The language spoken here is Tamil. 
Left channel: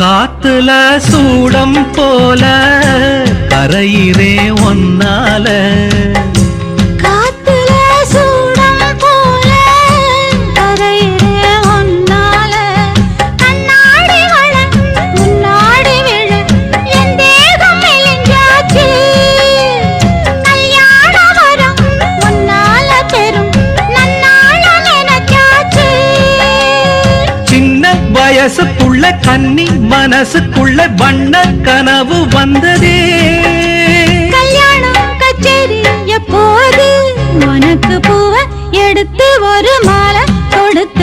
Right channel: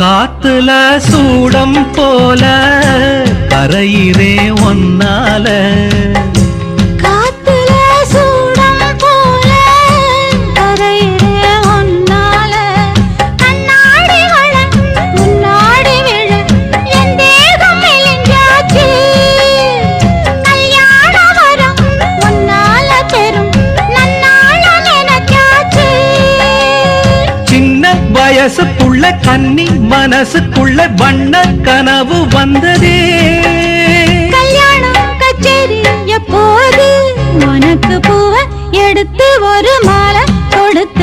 காத்துல சூடம் போல கரையிலே ஒன்னால வயசுக்குள்ள கன்னி மனசுக்குள்ள வண்ண கனவு வந்ததே. கல்யாணம் கச்சேரி எப்போது உனக்கு பூவ எடுத்து ஒரு மாலை கொடுத்து